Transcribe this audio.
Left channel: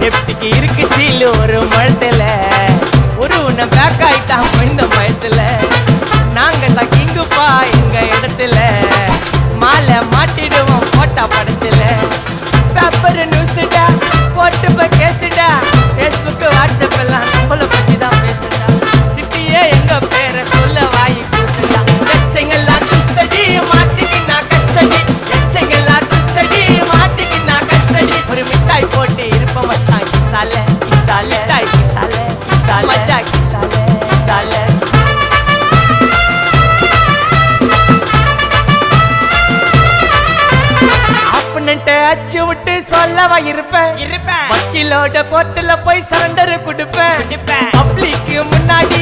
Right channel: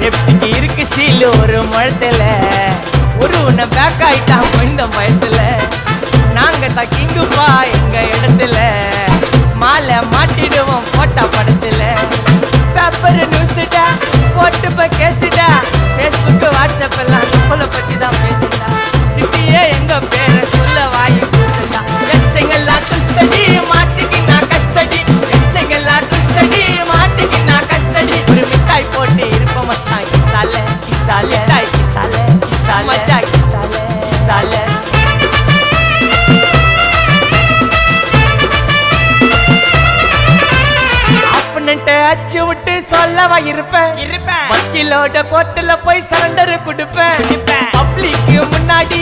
சேஃப்டிக்கு இருக்கு ஸ்டீல் ஒரு முழத்துல ஒரு உன்னை பேக் ஆயிட்டான் இந்த பயத்துல நாங்க தான் கிங்குப்பா எங்க இடத்துல மாலை மாட்டிடுவோம் போட்டா படத்துல பேப்பர் நியூஸ்டா போட்டு கேசுடா ஃபேஸ்புக் வாட்ஸ்அப் எல்லாம் நம்மளை பத்தி தான் பேசுடா சிட்டியே எங்க பேரை சொல்ல வாய் கூசுடா எச்சங்கெல்லாம் துஸ்தடி மாட்டிக்கினா கஸ்டடி எச்சங்கெல்லாம் துஸ்தடி மாட்டிக்கினா கஸ்டடி ஒரு மிட்டாய் போட்டு இருப்ப மச்சான் கிசால கிசால மிட்டாய் கிசால கிசால மச்சா கிசால கிசால அச்சு விட்டு சொல்லவா இருப்பேன் வக்கீலோட கோர்ட்டுல போய் சரண்டர் கொடுப்பேன் பப்ளிக்கு முன்னாடியும்